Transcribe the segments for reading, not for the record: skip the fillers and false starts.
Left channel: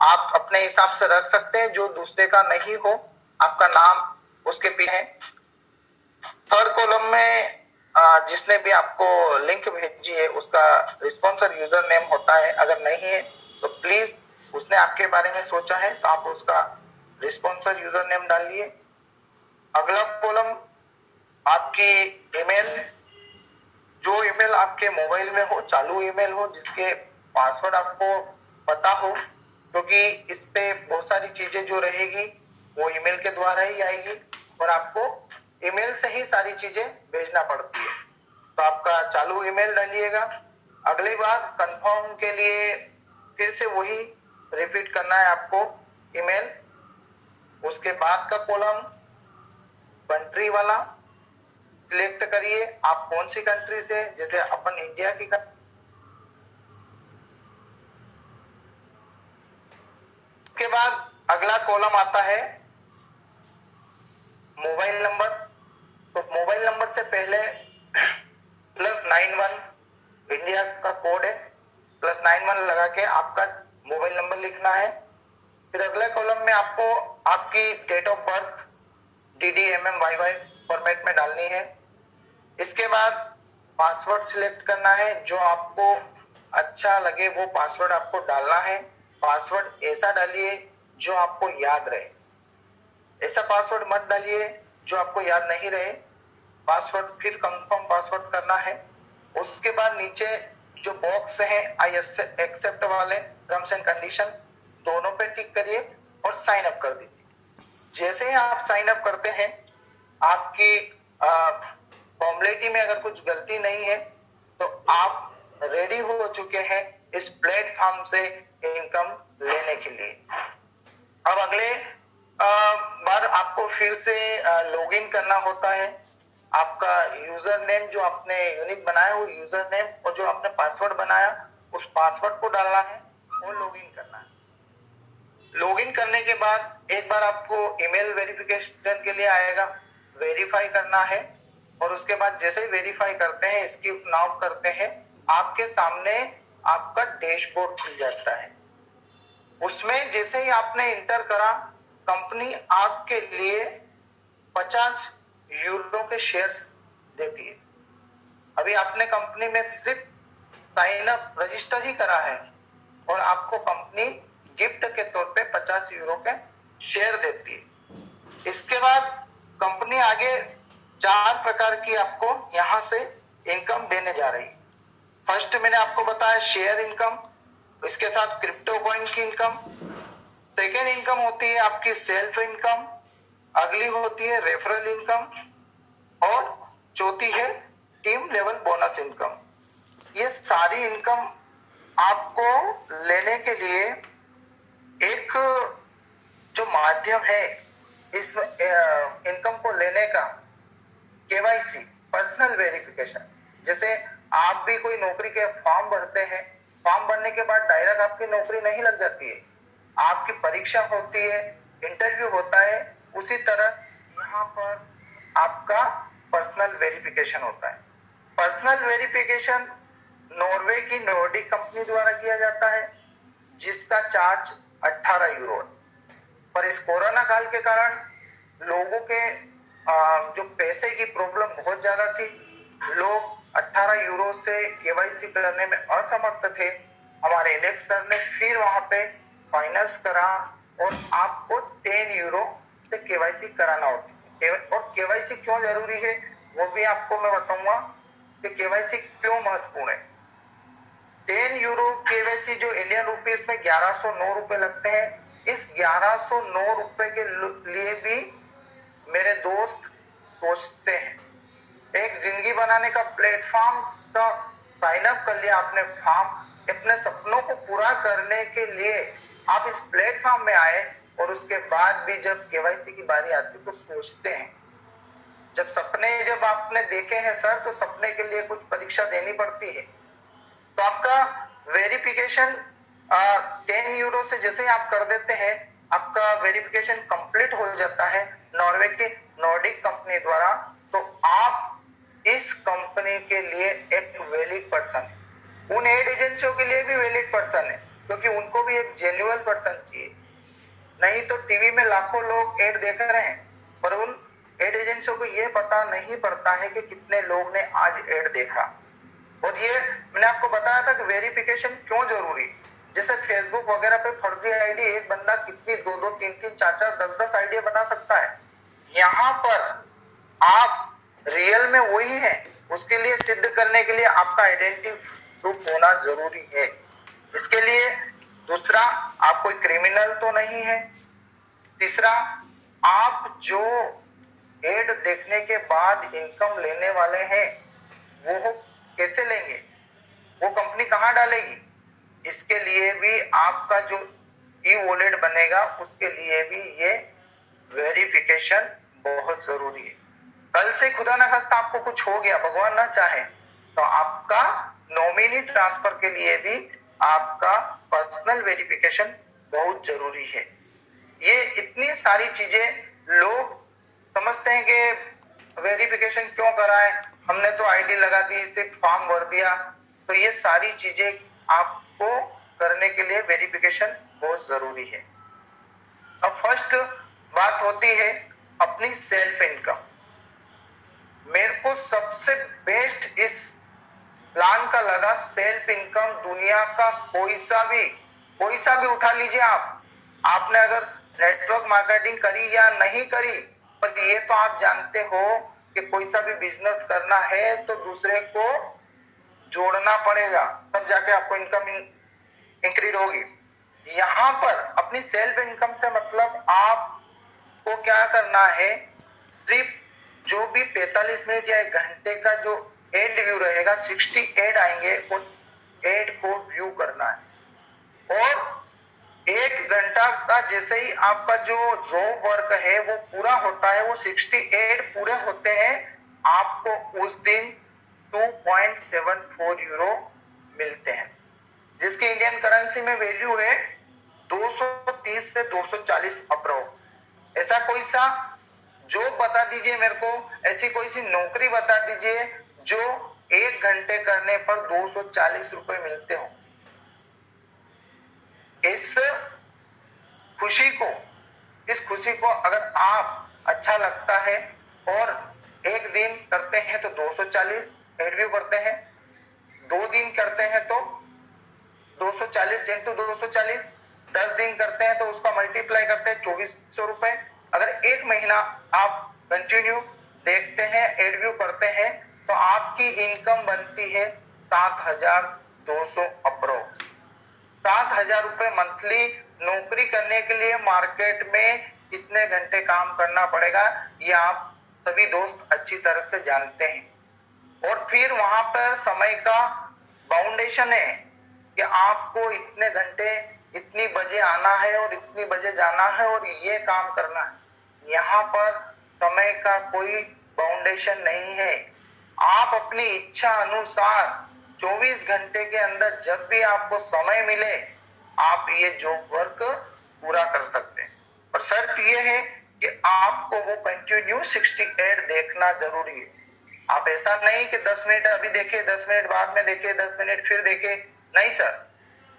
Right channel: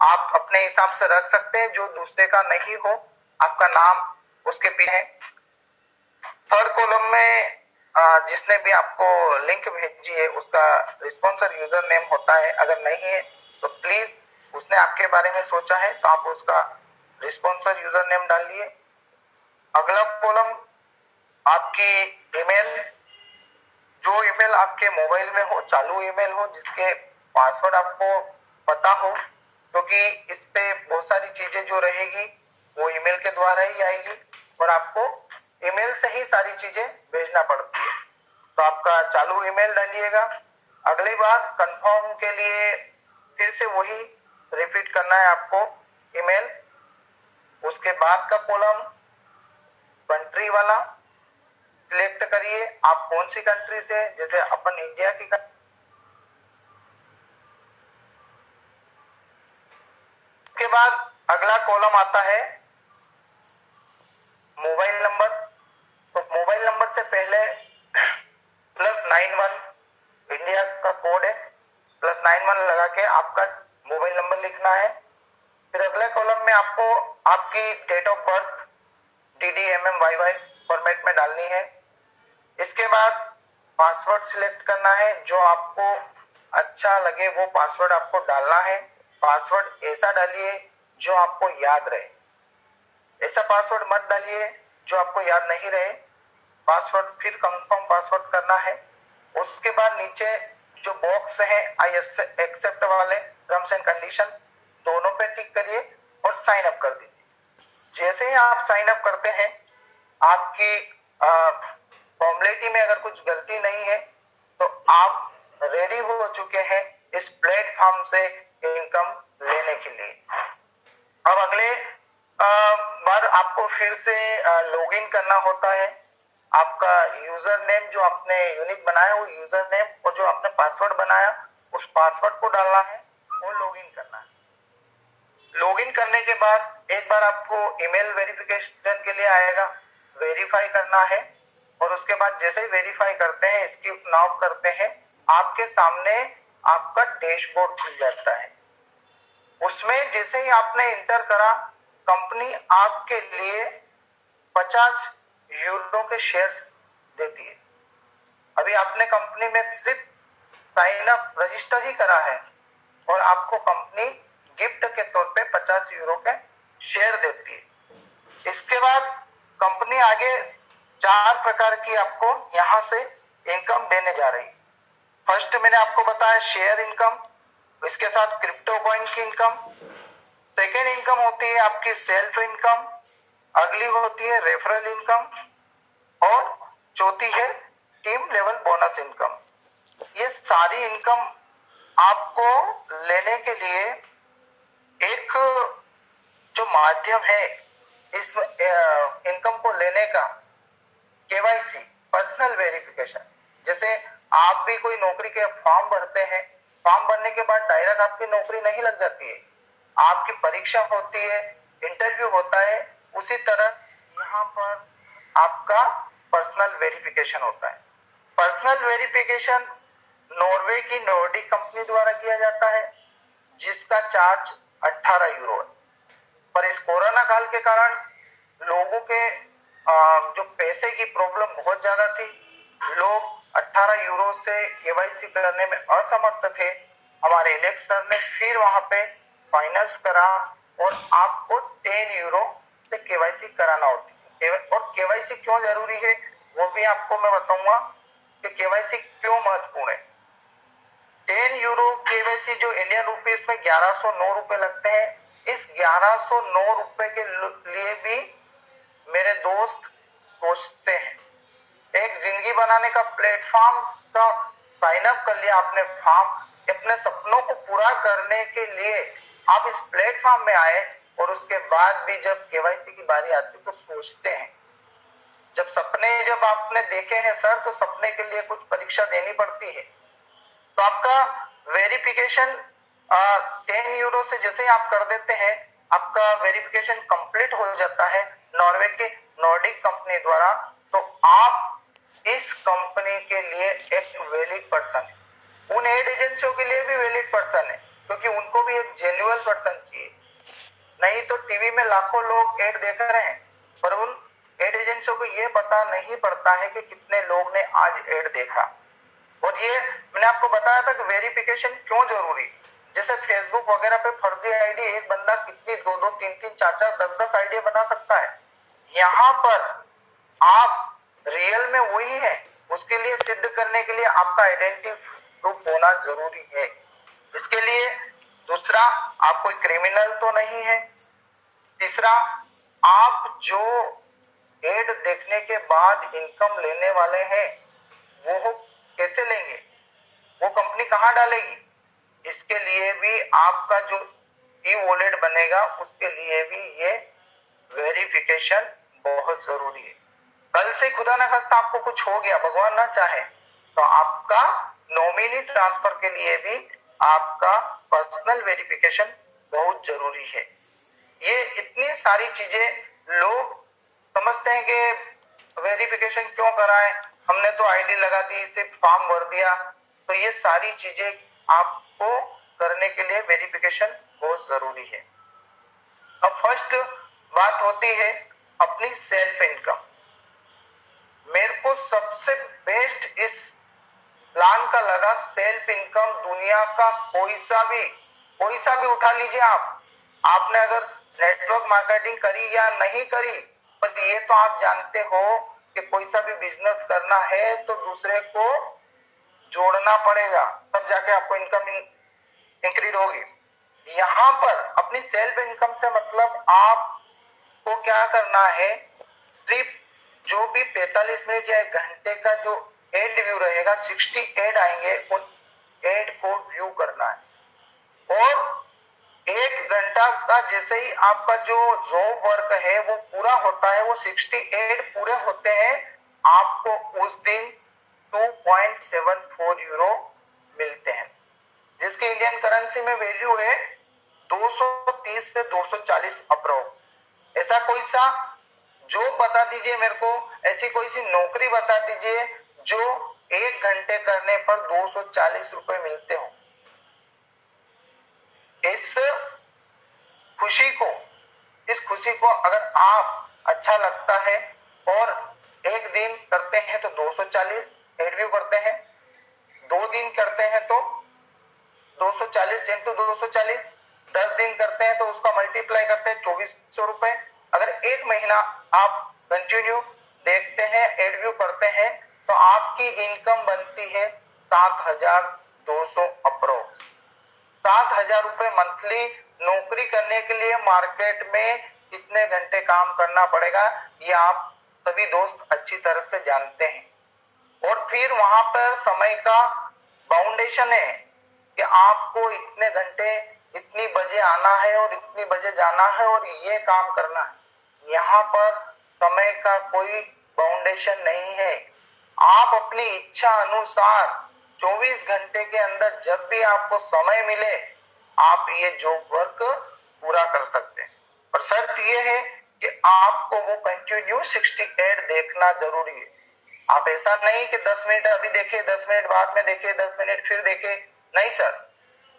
आप अपने हिसाब से रख सकते हैं, जो दूसरे का नहीं हो आपका नाम उसके पीछे है। थर्ड कॉलम में जिसने भी आपको लिंक भेजी है उसका रिस्पॉन्सर यूजर नेम होता है। अगर नहीं है तो प्लीज, उसने आपके बारे में सोचा है तो आप उसका रिस्पॉन्सर यूजर नेम डालिए। अगला कॉलम आपकी ईमेल, जो ईमेल आपके मोबाइल में हो, चालू ईमेल हो, जिसके पासवर्ड आपको पता हो, क्योंकि इस पे बहुत सारी चीजें जो रहेगी वो ईमेल के द्वारा ही आएगी और आपको ईमेल से ही सारी चीजें भेजना पड़ती है। तो आपका चालू ईमेल डालिएगा। अगली बार कंफर्म के लिए फिर से वही रिपीट करना है आपको ईमेल। उसके बाद का कॉलम कंट्री वाला सिलेक्ट करिए, आप कौन सी कंट्री से, जैसे अपन इंडिया की के बाद अगला कॉलम आता है मोबाइल नंबर। तो मोबाइल नंबर से पहले +91 इंडिया का कोड है, +91 लगा के आपका मोबाइल नंबर लिखना है। फिर अगले कॉलम में आपको आपकी date of birth DDMMYY format में डालनी है। इसके बाद पासवर्ड सिलेक्ट करना है, जो आपको अच्छा लगे वो पासवर्ड आपको डालना है। पासवर्ड ऐसा डालिए जो आपको याद रहे, ऐसा पासवर्ड मत डालिए जो आपको याद नहीं रहे। पासवर्ड फिर कंफर्म पासवर्ड करना है। उसके बाद नीचे जो बॉक्स है आई एक्सेप्ट वाले टर्म्स एंड कंडीशन, दोनों पे टिक करिए और साइन अप कर दीजिए। जैसे ही आप साइन अप करते हैं, आपकी फॉर्मेलिटी में अगर कुछ गलती नहीं है तो आप रेडी हो चुके हैं इस प्लेटफॉर्म से इनकम लेने के लिए। अब अगले बार आपको फिर से लॉगिन करना होता है। आपका यूजर नेम जो आपने यूनिक बनाया, वो यूजर नेम और जो आपने पासवर्ड बनाया उस पासवर्ड को डालना है और लॉगिन करना है। लॉगिन करने के बाद एक बार आपको ईमेल वेरिफिकेशन के लिए आएगा, वेरीफाई करना है। और उसके बाद जैसे ही वेरीफाई करते हैं, स्किप नाउ करते हैं, आपके सामने आपका डैशबोर्ड खुल जाता है। उसमें जैसे ही आपने इंटर करा, कंपनी आपके लिए 50 यूरो के शेयर्स देती है। अभी आपने कंपनी में सिर्फ साइन अप रजिस्टर ही करा है और आपको कंपनी गिफ्ट के तौर पे 50 यूरो के शेयर देती है। इसके बाद कंपनी आगे 4 प्रकार की आपको यहां से इनकम देने जा रही है। फर्स्ट मैंने आपको बताया शेयर इनकम, इसके साथ क्रिप्टो कॉइन की इनकम। सेकेंड इनकम होती है आपकी सेल्फ इनकम, अगली होती है रेफरल इनकम और चौथी है टीम लेवल बोनस इनकम। ये सारी इनकम आपको लेने के लिए एक जो माध्यम है इस इनकम को लेने का, केवाईसी, पर्सनल वेरिफिकेशन। जैसे आप भी कोई नौकरी के फॉर्म भरते हैं, फॉर्म भरने के बाद डायरेक्ट आपकी नौकरी नहीं लग जाती है, आपकी परीक्षा होती है, इंटरव्यू होता है। उसी तरह यहाँ पर आपका पर्सनल वेरिफिकेशन होता है। पर्सनल वेरिफिकेशन नॉर्वे की नॉर्डिक कंपनी द्वारा किया जाता है, जिसका चार्ज 18 यूरो है। पर इस कोरोना काल के कारण लोगों के जो पैसे की प्रॉब्लम बहुत ज्यादा थी, लोग 18 यूरो से केवाईसी करने में असमर्थ थे। हमारे एलेक्स सर ने फिर वहां पे फाइनेंस करा और आपको 10 यूरो से केवाईसी कराना होती है। और केवाईसी क्यों जरूरी है वो भी आपको मैं बताऊंगा कि केवाईसी क्यों महत्वपूर्ण है। 10 यूरो केवाईसी जो इंडियन रुपीस में 1109 रुपए लगते हैं, इस 1109 रुपए के लिए भी मेरे दोस्त सोचते हैं। एक जिंदगी बनाने का प्लेटफॉर्म का साइन अप कर लिया आपने फॉर्म, अपने सपनों को पूरा करने के लिए आप इस प्लेटफॉर्म में आए और उसके बाद भी जब केवाईसी की बारी आती तो सोचते हैं। जब आपने देखे हैं सर, तो सपने के लिए कुछ परीक्षा देनी पड़ती है। तो आपका वेरिफिकेशन 10 यूरो से जैसे आप कर देते हैं, आपका वेरिफिकेशन कंप्लीट हो जाता है नॉर्वे के नॉर्डिक कंपनी द्वारा। तो आप इस कंपनी के लिए एक वैलिड पर्सन है। उन एड एजेंसियों के लिए भी वैलिड पर्सन है, क्योंकि उनको भी एक जेन्युइन पर्सन चाहिए। नहीं तो टीवी में लाखों लोग एड देख रहे हैं, पर उन एड एजेंसियों को ये पता नहीं पड़ता है कि कितने लोग ने आज एड देखा। और ये मैंने आपको बताया था कि वेरिफिकेशन क्यों जरूरी। जैसे फेसबुक वगैरह पे फर्जी आईडी एक बंदा कितनी 2-2, 3-3, 4-4, 10-10 आईडी बना सकता है। यहाँ पर आप रियल में वही है, उसके लिए सिद्ध करने के लिए आपका आइडेंटिटी प्रूफ होना जरूरी है। इसके लिए दूसरा, आप कोई क्रिमिनल तो नहीं है। तीसरा, आप जो एड देखने के बाद इनकम लेने वाले हैं वो कैसे लेंगे, वो कंपनी कहां डालेगी, इसके लिए भी आपका जो ई वॉलेट बनेगा उसके लिए भी ये वेरिफिकेशन बहुत जरूरी है। कल से खुदा ना खास्ता आपको कुछ हो गया, भगवान ना चाहे, तो आपका नॉमिनी ट्रांसफर के लिए भी आपका पर्सनल वेरिफिकेशन बहुत जरूरी है। ये इतनी सारी चीजें लोग समझते हैं कि वेरिफिकेशन क्यों कराएं, हमने तो आईडी लगा दी, सिर्फ फॉर्म भर दिया। तो ये सारी चीजें आपको करने के लिए वेरिफिकेशन बहुत जरूरी है। अब फर्स्ट बात होती है अपनी सेल्फ इनकम। मेरे को सबसे बेस्ट इस प्लान का लगा सेल्फ इनकम। दुनिया का कोई सा भी उठा लीजिए आपने अगर नेटवर्क मार्केटिंग करी या नहीं करी, पर ये तो आप जानते हो कि कोई सा भी बिजनेस करना है तो दूसरे को जोड़ना पड़ेगा, तब जाके आपको इनकम इंक्रीज होगी। यहाँ पर अपनी सेल्फ इनकम से मतलब आपको क्या करना है, सिर्फ जो भी 45 मिनट या 1 घंटे का जो एड व्यू रहेगा, 60 एड आएंगे, उन एड को व्यू करना है। और 1 घंटा का जैसे ही आपका जो जॉब वर्क है वो पूरा होता है, वो 60 एड पूरे होते हैं, आपको उस दिन 2.74 यूरो मिलते हैं, जिसकी इंडियन करेंसी में वैल्यू है 230 से 240 अप्रोक्स। ऐसा कोई सा जॉब बता दीजिए मेरे को, ऐसी कोई सी नौकरी बता दीजिए जो 1 घंटे करने पर 240 रुपए मिलते हो। इस खुशी को अगर आप अच्छा लगता है और 1 दिन करते हैं तो 240 एडव्यू करते हैं, 2 दिन करते हैं तो 240 इंटू 240, 10 दिन करते हैं तो उसका मल्टीप्लाई करते हैं 2400 रुपए। अगर 1 महीना आप कंटिन्यू देखते हैं, एडव्यू करते हैं, तो आपकी इनकम बनती है 7200 अप्रोक्स। 7000 रुपए मंथली। नौकरी करने के लिए मार्केट में कितने घंटे काम करना पड़ेगा ये आप सभी दोस्त अच्छी तरह से जानते हैं। और फिर वहां पर समय का बाउंडेशन है कि आपको इतने घंटे, इतनी बजे आना है और इतनी बजे जाना है और ये काम करना है। यहाँ पर समय का कोई बाउंडेशन नहीं है। आप अपनी इच्छा अनुसार 24 घंटे के अंदर जब भी आपको समय मिले आप ये जॉब वर्क पूरा कर सकते हैं। पर शर्त ये है कि आपको वो कंटिन्यू 68 देखना जरूरी है। आप ऐसा नहीं कि 10 मिनट अभी देखे, 10 मिनट बाद में देखे, 10 मिनट फिर देखे, नहीं सर,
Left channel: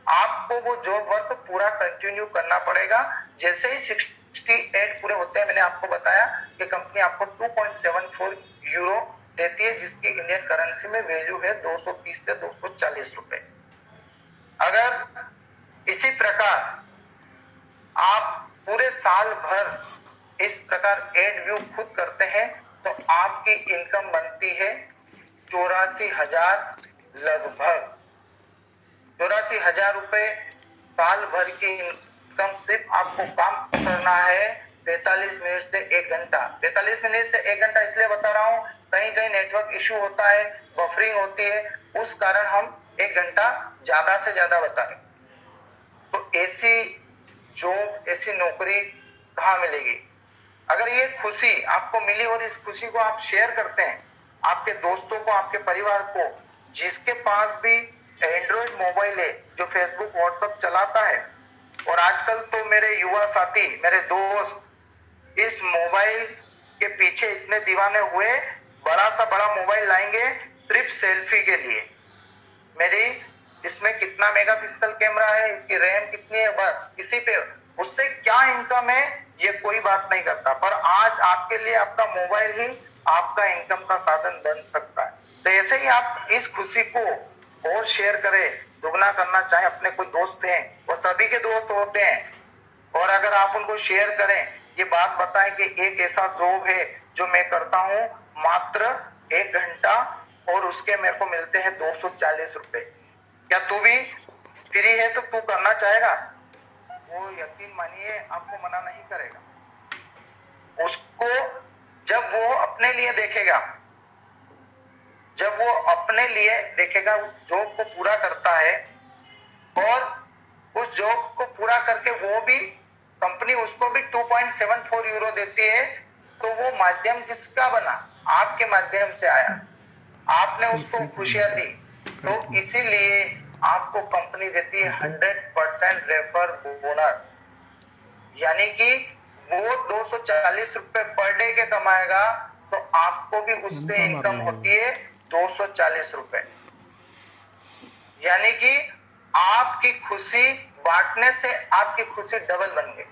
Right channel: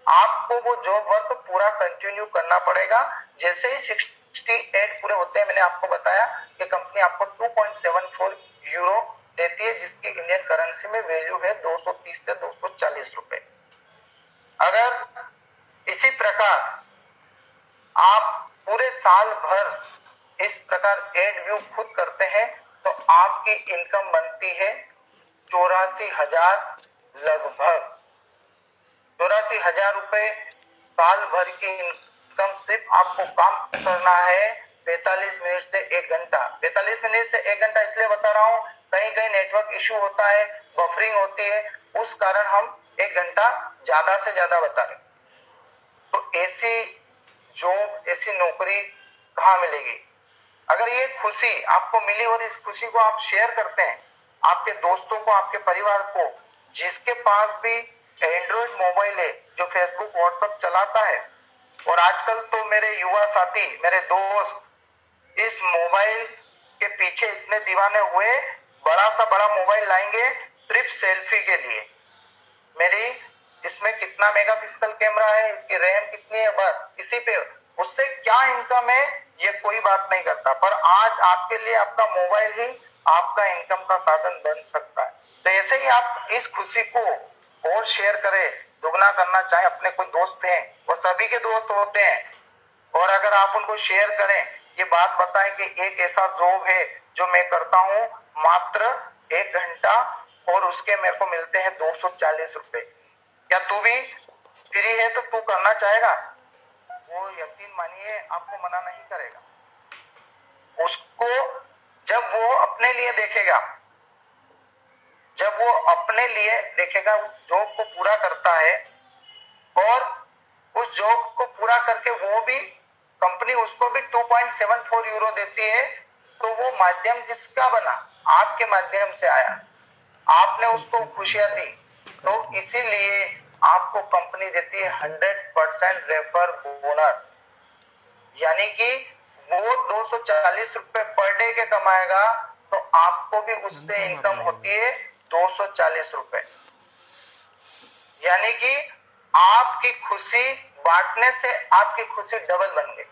आपको वो जॉब वर्क पूरा कंटिन्यू करना पड़ेगा। जैसे ही 68 पूरे होते हैं, मैंने आपको बताया कि कंपनी आपको 2.74 यूरो देती है, जिसकी इंडियन करेंसी में वैल्यू है 230 से 240 रुपए। अगर इसी प्रकार आप पूरे साल भर इस प्रकार एड व्यू खुद करते हैं तो आपकी इनकम बनती है 84,000 लगभग 84,000 रुपए साल भर की इनकम। सिर्फ आपको काम करना है 45 मिनट से 1 घंटा। 45 मिनट से 1 घंटा इसलिए बता रहा हूँ, कहीं कहीं नेटवर्क इश्यू होता है, बफरिंग होती है, उस कारण हम 1 घंटा ज्यादा से ज्यादा बता रहे। तो ऐसी जॉब, ऐसी नौकरी कहाँ मिलेगी? अगर ये खुशी आपको मिली और इस खुशी को आप शेयर करते हैं आपके दोस्तों को, आपके परिवार को, जिसके पास भी एंड्रॉइड मोबाइल है, जो फेसबुक व्हाट्सएप चलाता है, और आजकल तो मेरे युवा साथी, मेरे दोस्त इस मोबाइल के पीछे इतने दीवाने हुए, बड़ा सा बड़ा मोबाइल लाएंगे सिर्फ सेल्फी के लिए। मेरी इसमें कितना मेगापिक्सल कैमरा है, इसकी रैम कितनी है, बस इसी पे उससे क्या इनकम है ये कोई बात नहीं करता। पर आज आपके लिए आपका मोबाइल ही आपका इनकम का साधन बन सकता है। तो ऐसे ही आप इस खुशी को और शेयर करें, दुगना करना चाहे, अपने कोई दोस्त हैं वो सभी के दोस्त होते हैं, और अगर आप उनको शेयर करें, ये बात बताएं कि एक ऐसा जॉब है जो मैं करता हूं मात्र 1 घंटा और उसके मेरे को मिलते हैं 240 रुपए, क्या तू भी फ्री है तो तू करना चाहेगा? वो यकीन मानिए आपको मना नहीं करेगा। उसको जब वो अपने लिए देखेगा, जब वो अपने लिए देखेगा, उस जॉब को पूरा करता है और उस जॉब को पूरा करके वो भी कंपनी उसको भी 2.74 यूरो देती है, तो वो माध्यम किसका बना? आपके माध्यम से आया, आपने उसको खुशियां दी, तो इसीलिए आपको कंपनी देती है 100% रेफर बोनस, यानी कि वो 240 रुपए पर डे के कमाएगा तो आपको भी उससे इनकम होती है 240 रुपए, यानी कि आपकी खुशी बांटने से आपकी खुशी डबल बन गई।